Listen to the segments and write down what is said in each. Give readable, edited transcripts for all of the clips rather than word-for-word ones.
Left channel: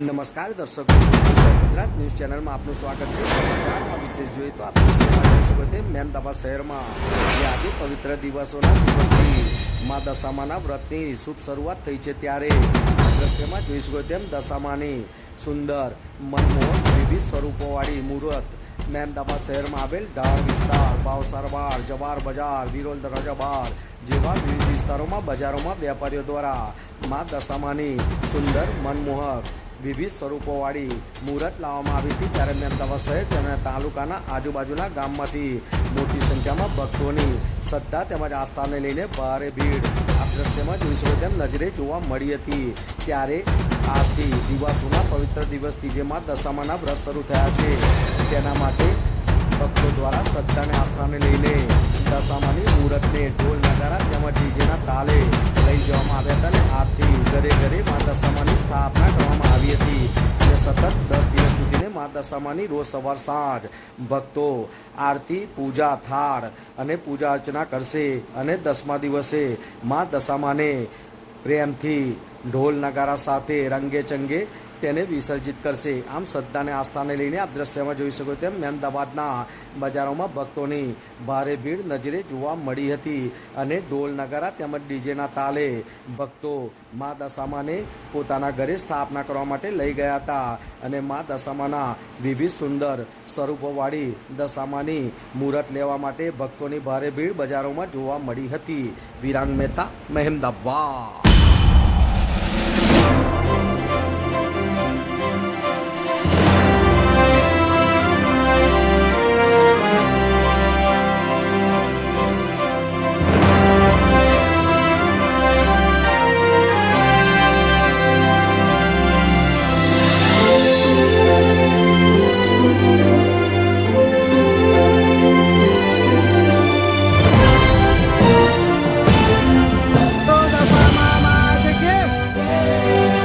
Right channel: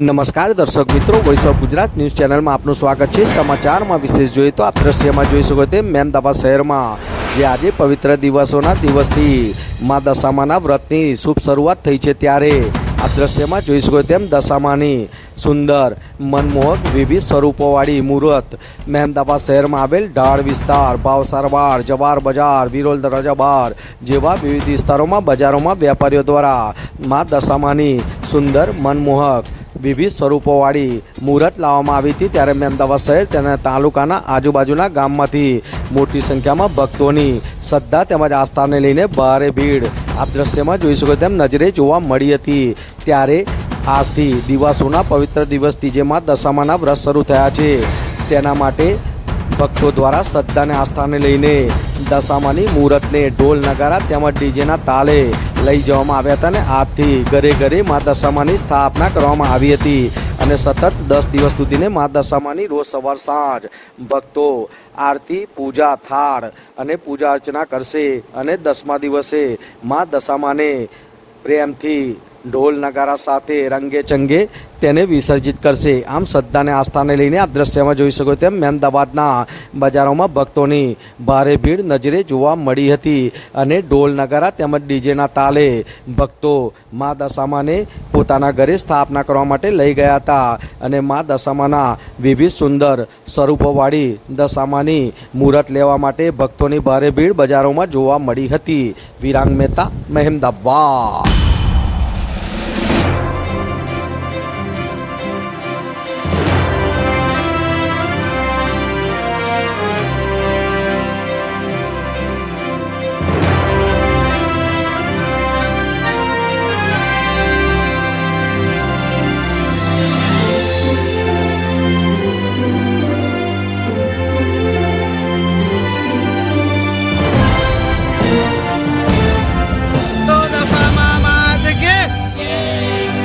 નમસ્કાર દર્શક મિત્રો, વોઇસ ઓફ ગુજરાત ન્યૂઝ ચેનલમાં આપનું સ્વાગત છે। સમાચારમાં વિશેષ જોઈએ તો આપ દ્રશ્યમાં જોઈ શકો તેમ મહેમદાવાદ શહેરમાં જે આજે પવિત્ર દિવસથી મા દશામાના વ્રતની શુભ શરૂઆત થઈ છે, ત્યારે આ દ્રશ્યમાં જોઈ શકો તેમ દશામાની સુંદર મનમોહક વિવિધ સ્વરૂપોવાળી મૂર્ત મહેમદાવાદ શહેરમાં આવેલ ઢાળ વિસ્તાર, ભાવસારવાડ, જવાહર બજાર, વિરોલ દરવાજા બાર જેવા વિવિધ વિસ્તારોમાં બજારોમાં વેપારીઓ દ્વારા મા દશામાની સુંદર મનમોહક વિવિધ સ્વરૂપોવાળી મૂર્ત લાવવામાં આવી હતી। ત્યારે મહેમદાવાદ શહેર તેના તાલુકાના આજુબાજુના ગામમાંથી મોટી સંખ્યામાં ભક્તોની શ્રદ્ધા તેમજ આસ્થાને લઈને ભારે ભીડ આ દ્રશ્યમાં જોઈ શકો તેમ નજરે જોવા મળી હતી। ત્યારે આજથી દિવાસોના પવિત્ર દિવસથી જે મા દશામાના વ્રત શરૂ થયા છે, તેના માટે ભક્તો દ્વારા શ્રદ્ધા અને આસ્થાને લઈને દશામાની મૂર્તને ઢોલ નગારા તેમજ ડીજેના તાલે લઈ જવામાં આવ્યા હતા અને આજથી ઘરે ઘરે મા દશામાની સ્થાપના કરવામાં આવી હતી અને સતત 10 દિવસ સુધીને મા દશામાની રોજ સવાર સાંજ ભક્તો આરતી, પૂજા, થાળ અને પૂજા અર્ચના કરશે અને 10મા દિવસે મા દશામાને પ્રેમથી ઢોલ નગારા સાથે રંગે ચંગે તેને વિસર્જિત કરશે। આમ શ્રદ્ધા અને આસ્થાને લઈને આપ દ્રશ્યમાં જોઈ શકો તેમ મહેમદાવાદના બજારોમાં ભક્તોની ભારે ભીડ નજરે જોવા મળી હતી અને ઢોલ નગારા તેમજ ડીજેના તાલે ભક્તો મા દશામાને પોતાના ઘરે સ્થાપના કરવા માટે લઈ ગયા હતા અને મા દશામાના વિવિધ સુંદર સ્વરૂપોવાળી દશામાની મૂર્ત લેવા માટે ભક્તોની ભારે ભીડ બજારોમાં જોવા મળી હતી। વિરાંગ મહેતા, મહેમદાવાદ।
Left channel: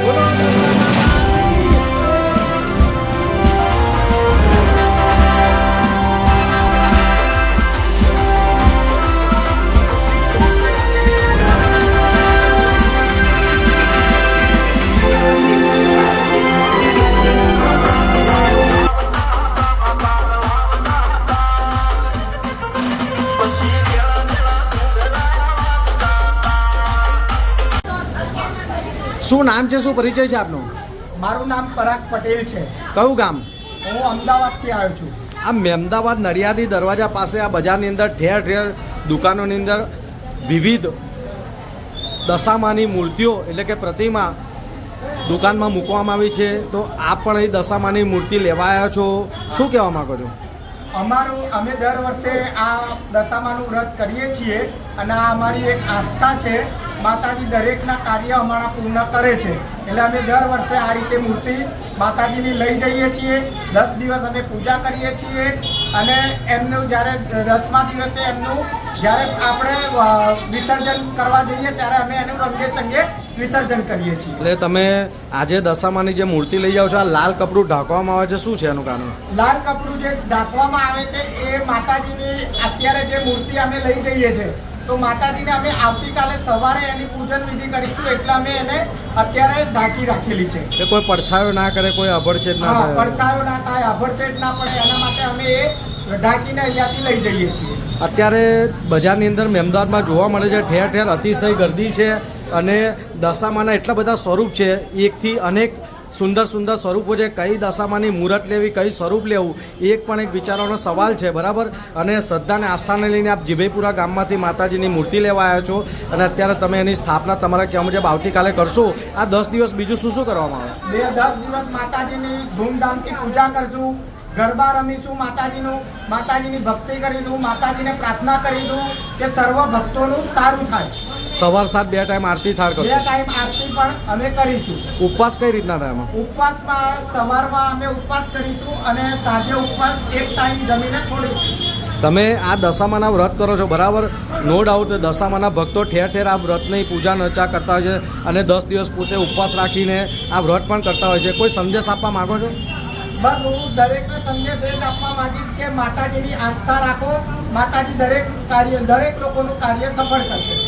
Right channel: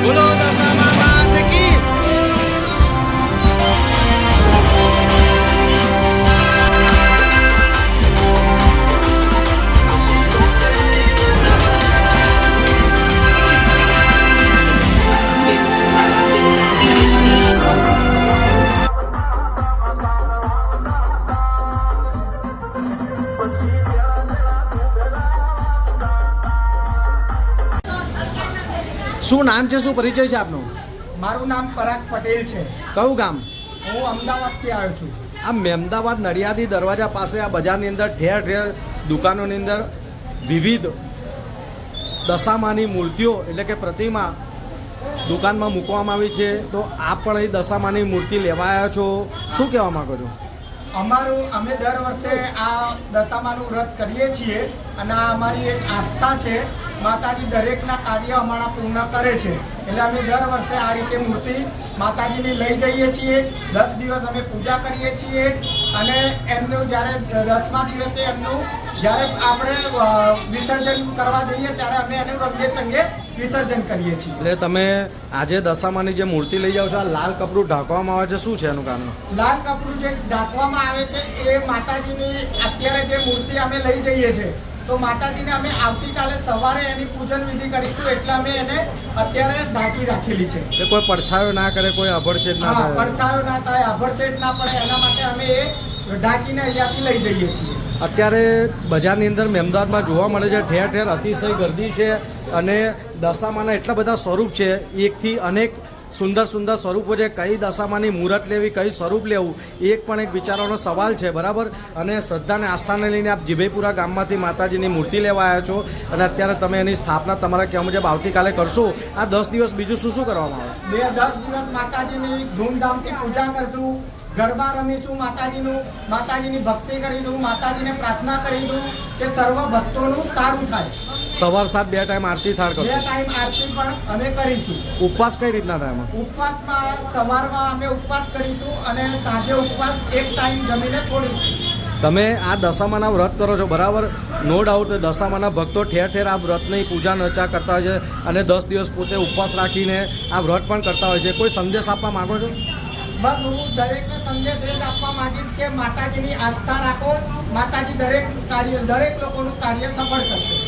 બોલો દશામા માત કી। શું નામ છે, શું પરિચય છે આપનો? મારું નામ પરાગ પટેલ છે। કયું ગામ? હું અમદાવાદથી આવ્યો છું। આ મહેમદાવાદ નડિયાદી દરવાજા પાસે આ બજારની અંદર ઠેર ઠેર દુકાનોની અંદર વિવિધ દશામાની મૂર્તિઓ એટલે કે પ્રતિમા દુકાનમાં મૂકવામાં આવી છે, તો આપ પણ અહીં દશામાની મૂર્તિ લેવા આવ્યા છો, શું કહેવા માગો છો? અમે દર વર્ષે આ દશામાનું વ્રત કરીએ છીએ અને આ અમારી એક આસ્થા છે। માતાજી દરેકના કાર્ય અમારા પૂર્ણ કરે છે, એટલે અમે દર વર્ષે આ રીતે મૂર્તિ માતાજીની લઈ જઈએ છીએ। 10 દિવસ અમે પૂજા કરીએ છીએ અને એમનું જ્યારે 10મા દિવસે એમનું જ્યારે આપણે વિસર્જન કરવા જઈએ ત્યારે અમે એનું રંગે ચંગે વિસર્જન કરીએ છીએ। એટલે તમે આજે દશામાની જે મૂર્તિ લઈ જાઓ છો, આ લાલ કપડું ઢાંકવામાં આવે છે, શું છે એનું કારણ? લાલ કપડું જે ઢાંકવામાં આવે છે એ માતાજીની અત્યારે જે મૂર્તિ અમે લઈ જઈએ છીએ, તો માતાજીને અમે આવતીકાલે સવારે એની પૂજન વિધિ કરીશું, એટલે અમે એને અત્યારે ઢાંકી રાખેલી છે। એટલે કોઈ પડછાયો ના કરે, કોઈ અભડછેદ ના થાય, પડછાયો ના થાય, અભડછેદ ના પડે, એના માટે અમે એ ઢાંકીને અહીંયાથી લઈ જઈએ છીએ। અત્યારે બજારની અંદર મહેમદાવાદમાં જોવા મળે છે ઠેર ઠેર અતિશય ગર્દી છે અને દશામાના એટલા બધા સ્વરૂપ છે, એકથી અનેક સુંદર સુંદર સ્વરૂપો છે। કઈ દશામાની મૂર્ત લેવી, કઈ સ્વરૂપ લેવું, એક પણ એક વિચારવાનો સવાલ છે, બરાબર? અને શ્રદ્ધા અને આસ્થાને લઈને આપ જીભેપુરા ગામમાંથી માતાજીની મૂર્તિ લેવા આવ્યા છો અને અત્યારે તમે એની સ્થાપના તમારા કહેવા મુજબ આવતીકાલે કરશો। આ 10 દિવસ બીજું શું શું કરવામાં આવે? 10 દિવસ માતાજીની ધૂમધામથી પૂજા કરશું, ગરબા રમીશું, માતાજીની ભક્તિ કરીશું, માતાજીને પ્રાર્થના કરીશું કે સર્વ ભક્તોનું સારું થાય। સવાર સાંજ 2 ટાઈમ આરતી થાળ કરશો? 2 ટાઈમ આરતી પણ અમે કરીશું। ઉપવાસ કઈ રીતના થાય એમાં? ઉપવાસમાં સવારમાં અમે ઉપવાસ કરીશું અને સાંજે ઉપવાસ 1 ટાઈમ જમીને છોડીશું। તમે આ દશામાના વ્રત કરો છો, બરાબર? નો ડાઉટ દશામાના ભક્તો ઠેર ઠેર આ વ્રતની પૂજા નચા કરતા હોય છે અને 10 દિવસ પોતે ઉપવાસ રાખીને આ વ્રત પણ કરતા હોય છે। કોઈ સંદેશ આપવા માગો છો? બસ હું દરેકને સંદેશ એ જ આપવા માંગીશ કે માતાજીની આસ્થા રાખો, માતાજી દરેક લોકોનું કાર્ય સફળ કરશે।